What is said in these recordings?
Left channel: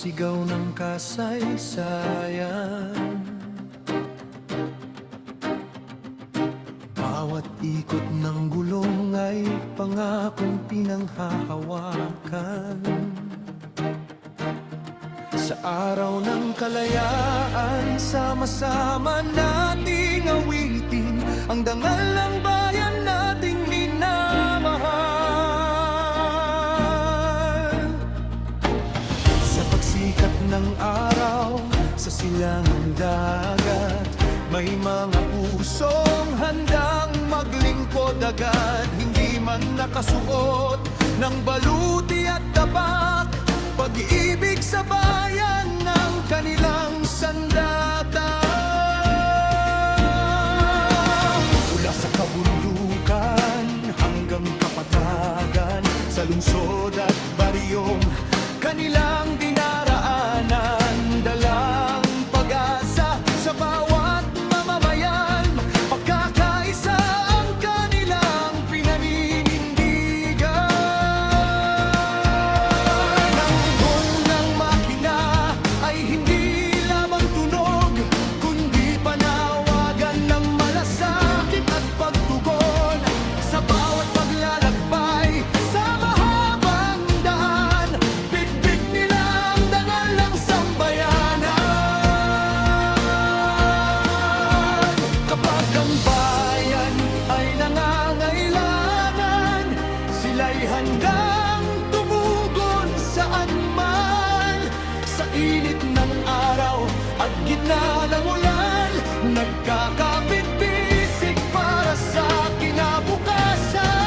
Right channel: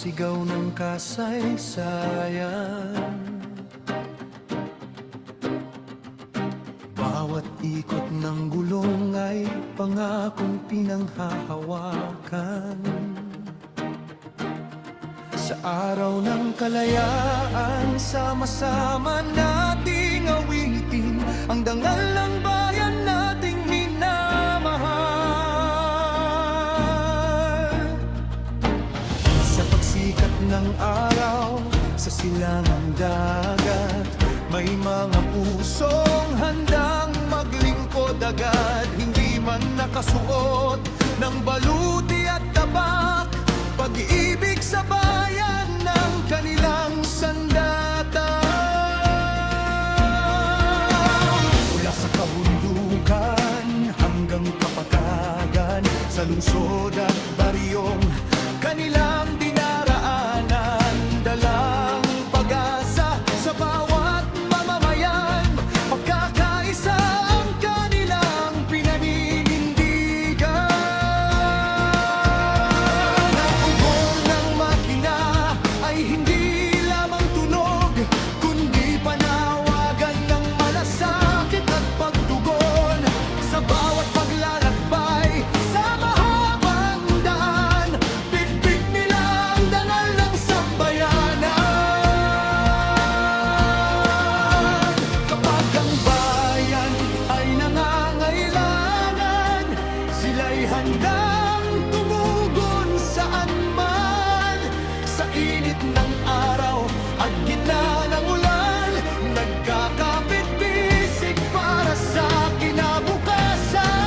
sigaw ng kasaysayan. Bawat ikot ng gulong ay pangakong pinanghahawakan. Sa araw ng kalayaan, sama-sama nating awitin ang dangal ng bayan nating minamahal. Sa pagsikat ng araw, sa silangang dagat, may mga pusong handang maglingkod agad. Hindi man nakasuot ng baluti at tabak, pag-ibig sa bayan ng kanilang sandata. Mula sa kabundukan hanggang kapatagan, sa lungsod at baryong kanilang dinaraanan, dalang pag-asa sa bawat mamamayan. Pagkakaisa ang kanilang pinaninindigan. Ang ugong ng makina ay hindi lamang tunog, kundi panawagan ng malasakit at pagtugon. Sa bawat paglalakbay, sa mahabang daan, bitbit nila ang dangal ng sambayanan. Kapag ang bayan ay nangangailangan, sila'y handang tumugon saan man. Sa init ng araw at gitna ng ulan, nagkakapit-bisig para sa kinabukasan.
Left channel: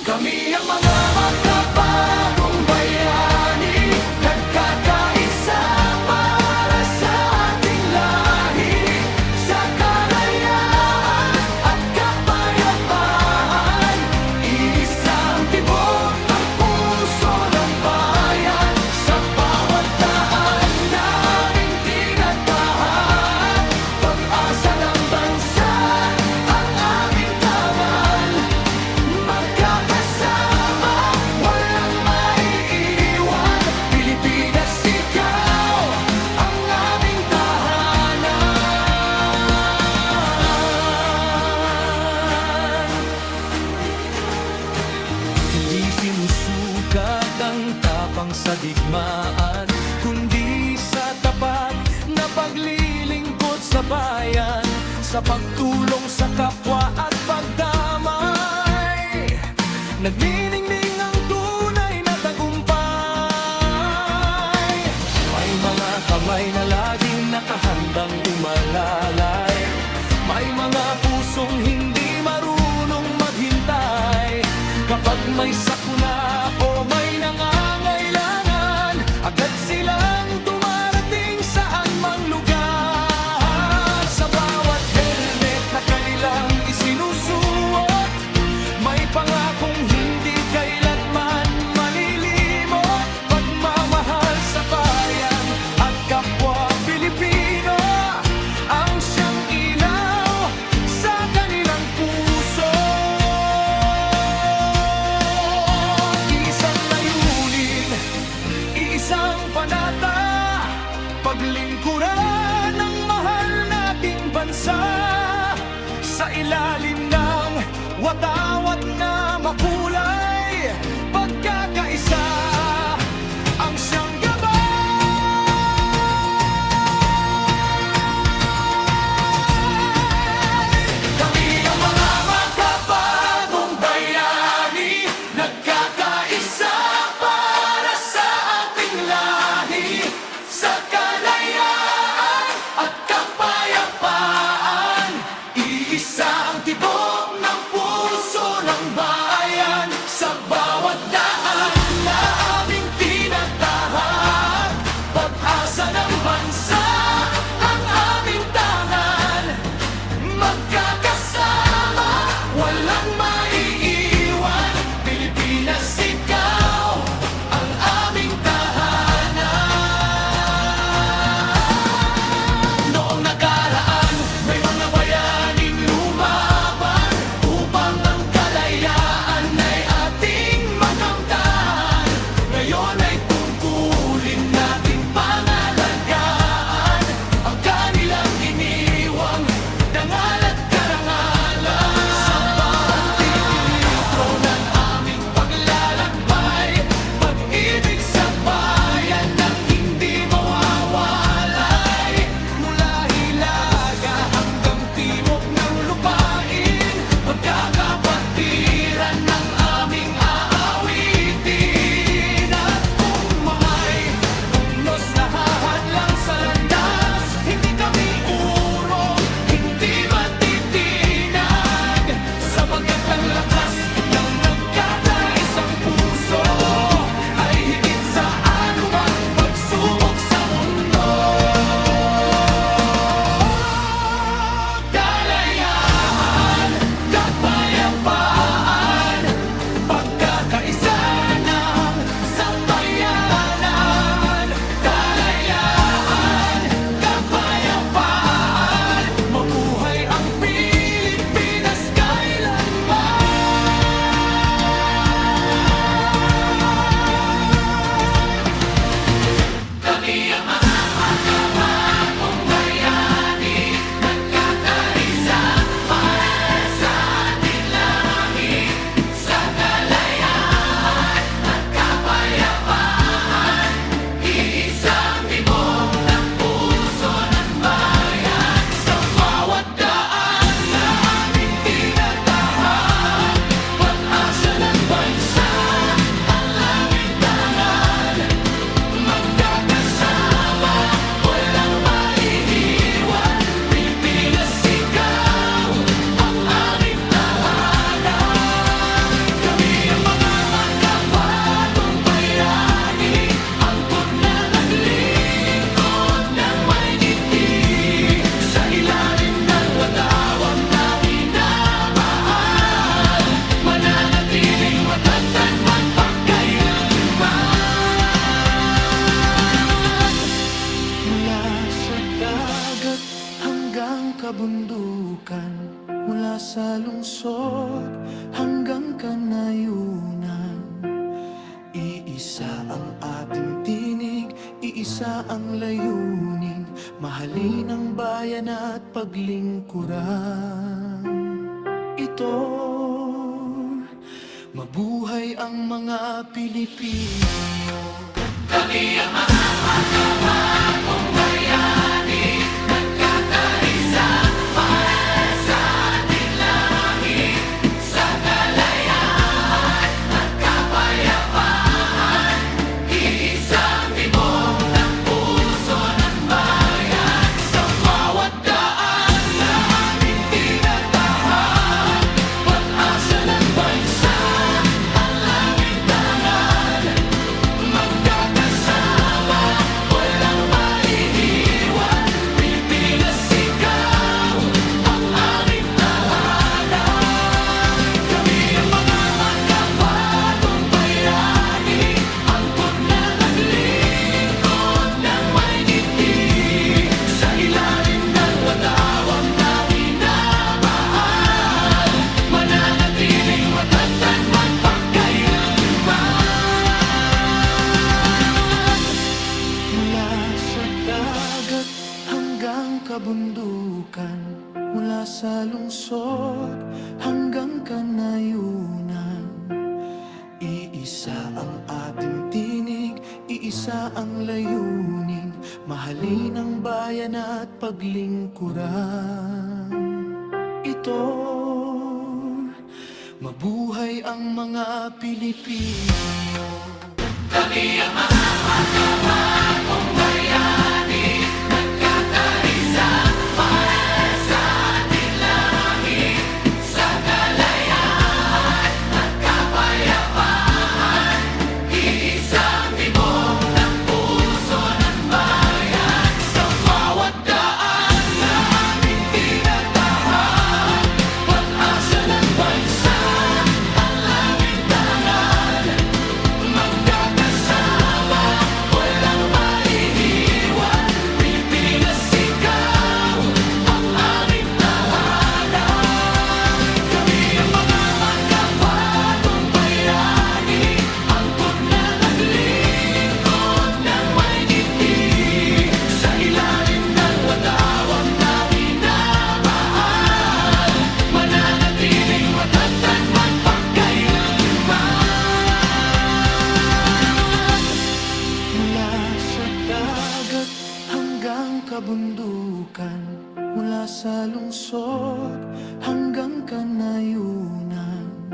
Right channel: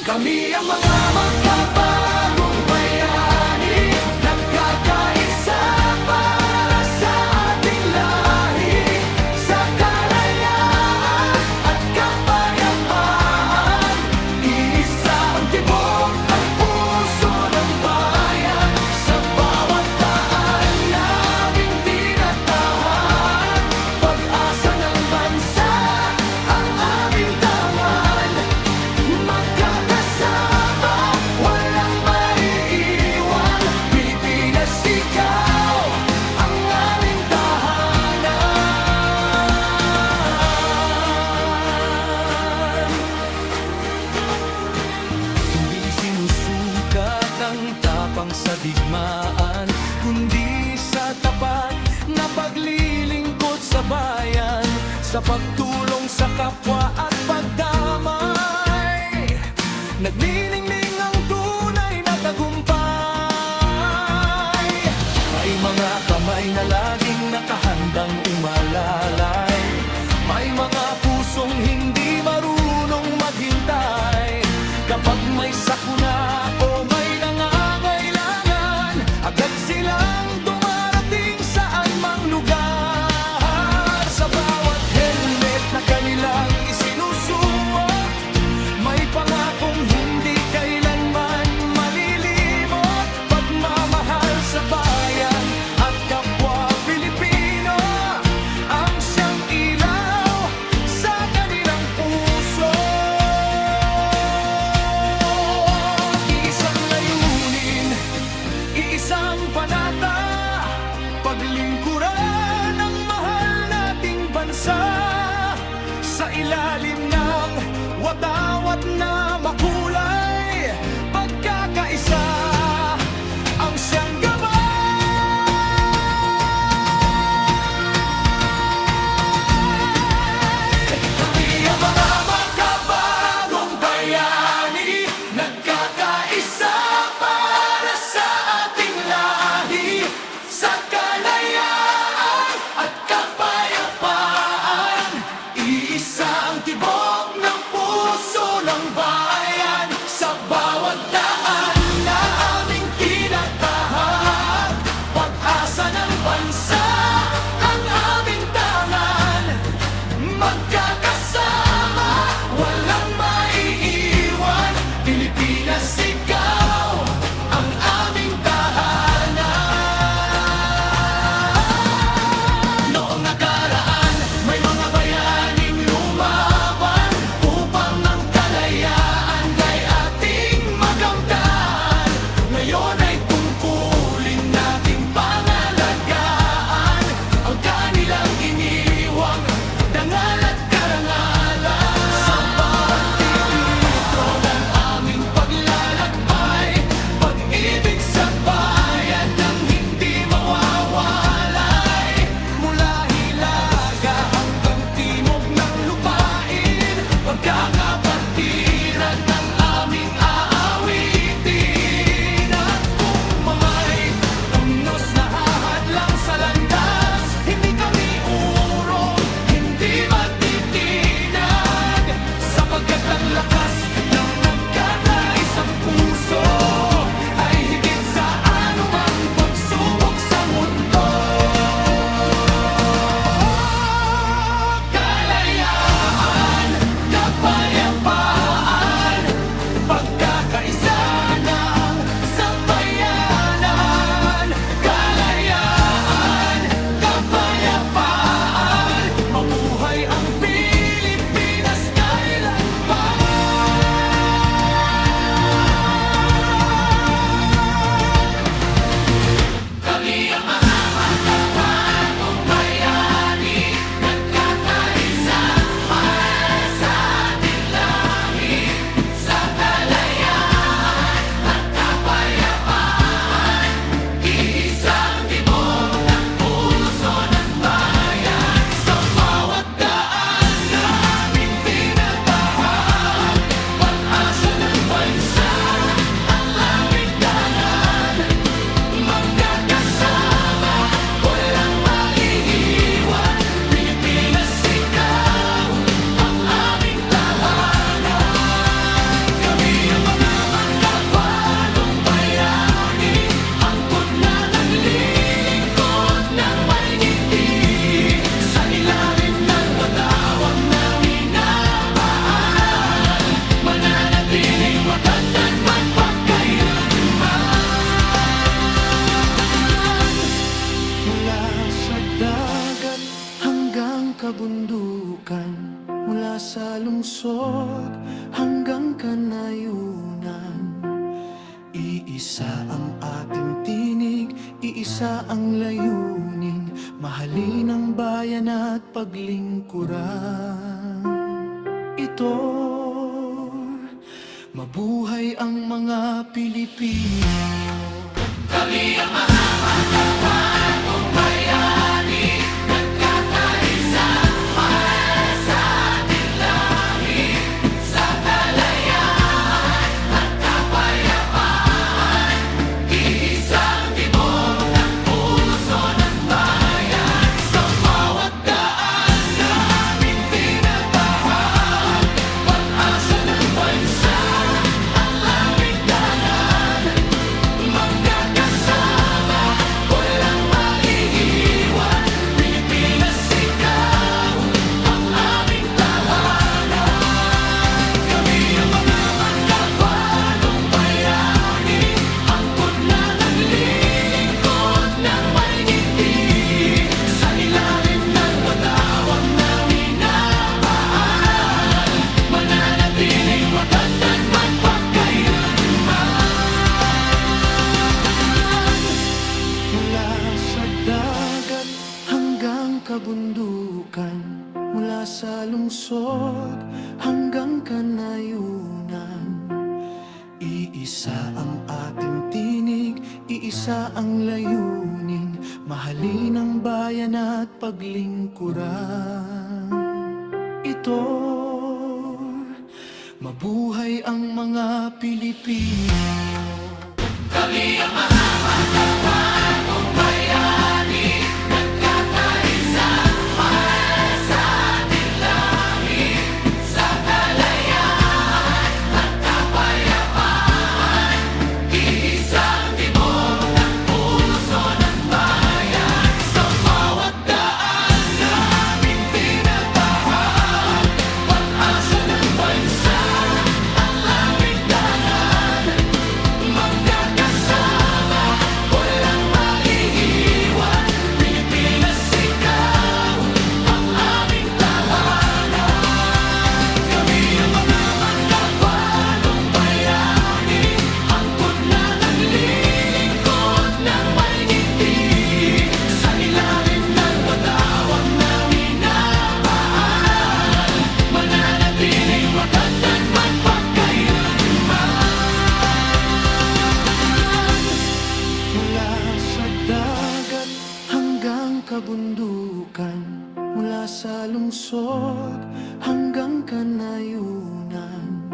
Kami ang mga makabagong bayani, nagkakaisa para sa ating lahi, sa kalayaan at kapayapaan. Iisa ang tibok, ang puso ng bayan, sa bawat daan naming tinatahan. Pag-asa ng bansa ang aming tangan, magkakasama, walang maiiwan. Pilipinas, ikaw ang aming tahanan. Hindi sinusukat ang tapang sa digmaan, kundi sa tapat na paglilingkod sa bayan, sa pagtulong sa kapwa at pagdamay. Nagniningning ang tunay na tagumpay. May mga kamay na laging nakahandang umalalay, may mga pusong hindi marunong maghintay. Kapag may sakuna o may nangangailangan, agad silang dumarating saan mang lugar. Sa bawat helmet na kanilang isinusuot, may pangakong hindi kailanman malilimot. Pagmamahal sa bayan at kapwa Pilipino ang siyang ilaw sa kanilang puso. Isang layunin, iisang panata, paglingkuran ng mahal nating bansa. Sa ilalim ng watawat na makulay, pagkakaisa ang siyang gabay. Kami ang mga makabagong bayani, nagkakaisa para sa ating lahi, sa kalayaan at kapayapaan. Iisa ang tibok ng puso ng bayan, sa bawat daan na aming sa dagat hanggang kabundukan, mula sa lungsod hanggang kanayunan. Iisa ang ating tinig, iisa ang layunin, mahalin ang bayan at paglingkuran. Ito, mabuhay ang mga Pilipino. Kami ang mga magkabagong bayani, nagkakaisa para sa ating lahi, sa kalayaan at kapayapaan. Iisang tibok ng puso ng bayan. Sa bawat daan na aming tinatahak, pag-asa ng bansa ang aming tangan. Magkakasama, walang maiiwan. Pilipinas, ikaw ang aming tahanan. Kami ang mga magkabagong bayani, angkot na naglilingkod ng may ngiti, sa ilalim ng watawat na minamahal, mananatiling matatag magpagkailanman. Mula sa dagat hanggang kabundukan, mula sa lungsod hanggang kanayunan. Iisa ang ating tinig, iisa ang layunin, mahalin ang bayan at paglingkuran. Ito, mabuhay ang mga Pilipino. Kami ang mga magkabagong bayani, nagkakaisa para sa ating lahi, sa kalayaan at kapayapaan. Iisang tibok ng puso ng bayan. Sa bawat daan na aming tinatahak, pag-asa ng bansa ang aming tangan. Magkakasama, walang maiiwan. Pilipinas, ikaw ang aming tahanan. Kami ang mga magkabagong bayani, angkot na naglilingkod ng may ngiti, sa ilalim ng watawat na minamahal, mananatiling matatag magpagkailanman. Mula sa dagat hanggang kabundukan, mula sa lungsod hanggang kanayunan.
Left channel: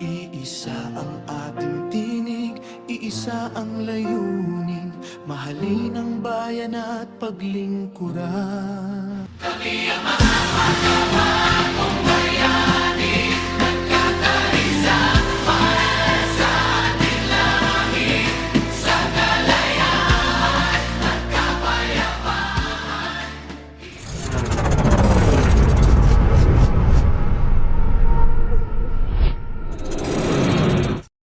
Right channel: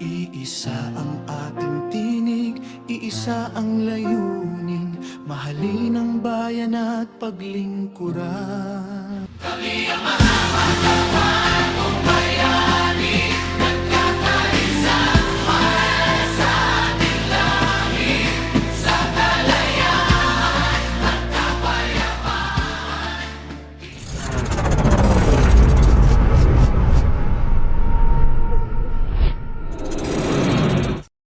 Iisa ang ating tinig, iisa ang layunin, mahalin ang bayan at paglingkuran. Kami ang mga